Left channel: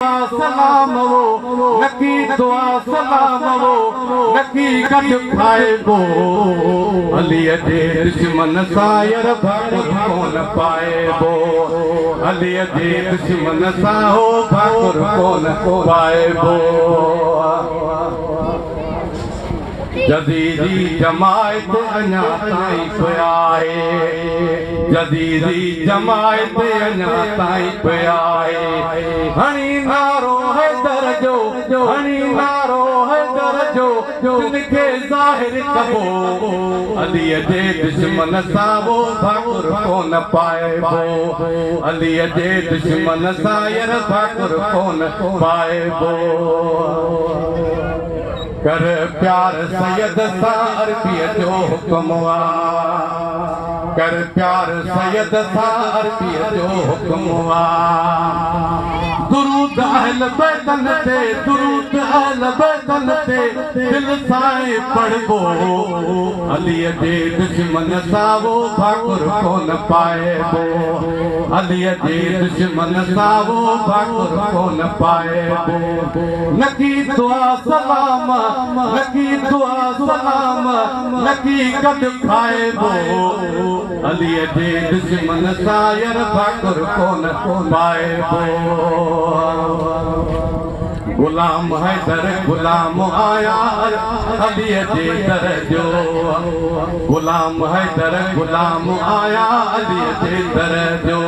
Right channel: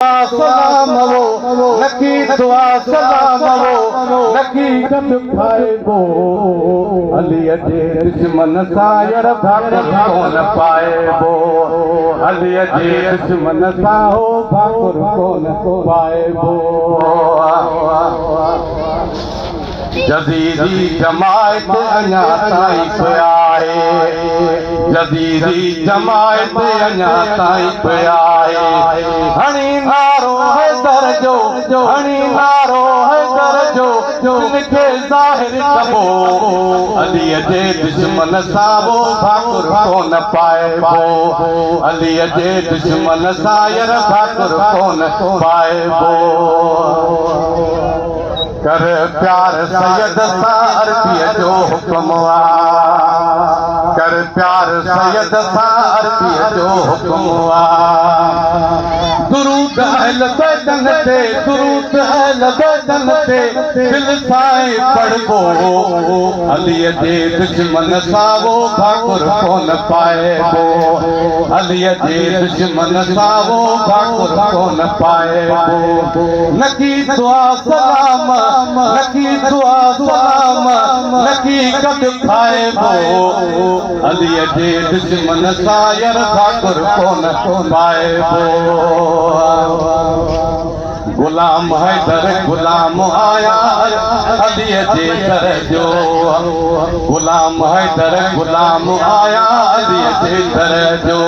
सलाम वो नकी दुआ सलाम वो नकी कट खाइबो अली जे दुश्मन सां यार भाग कोन पाइबो अली जे दुश्मन सां हो भाग कोन पाइबो जदीदी जमायत अञा ताईं पियाए जदीदी जमायत अञा ताईं पियाए हणी नारो है दरजो हणी नारो है दरजो जिनखे ज़ाहिर कबो अली जे दुश्मन सां वो भाकुर कोन पाइबो अली जे दुश्मन सां यार भाकुर कोन पाइबो कर प्यार सैयद सां अरबीअ जो हुक्म कर प्यार सैयद सां अरबीअ जो हुक्म दुरूद अहल बैतन ते दुरूद अहल बैतन ते दिल सां पढ़बो अली जे दुश्मन सां वो भाकुर कोन पाइबो अली जे दुश्मन सां वो भाकुर कोन पाइबो नकी दुआ सलाम नकी दुआ सलाम नकी कट खाइबो अली जे दुश्मन सां यार भाकुर कोन पाइबो गुलाम हैदर गुलाम आया अली जे दर जो गुलाम हैदर गुलाम आया अली जे दर जो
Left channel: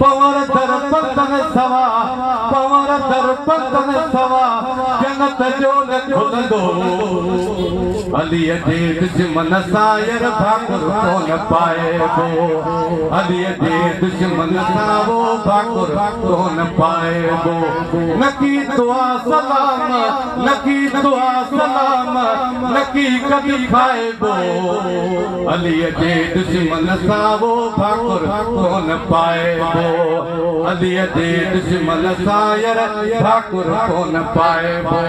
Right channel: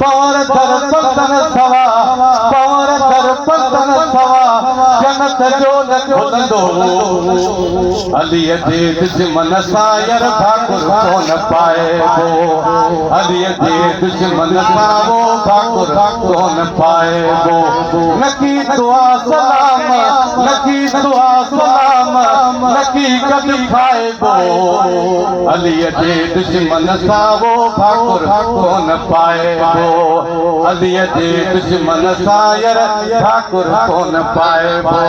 पवर दर पतन सवा पवर दर पतन सवा जन्नत जो खुलंदो अली जे दुश्मन सां यार भाकुर कोन पाइबो अली जे दुश्मन सां वो भाकुर कोन पाइबो नकी दुआ सलाम नकी दुआ सलाम नकी कभी खाइबो अली जे दुश्मन सां वो भाकुर कोन पाइबो अली जे दुश्मन सां यार भाकुर कोन पाइबो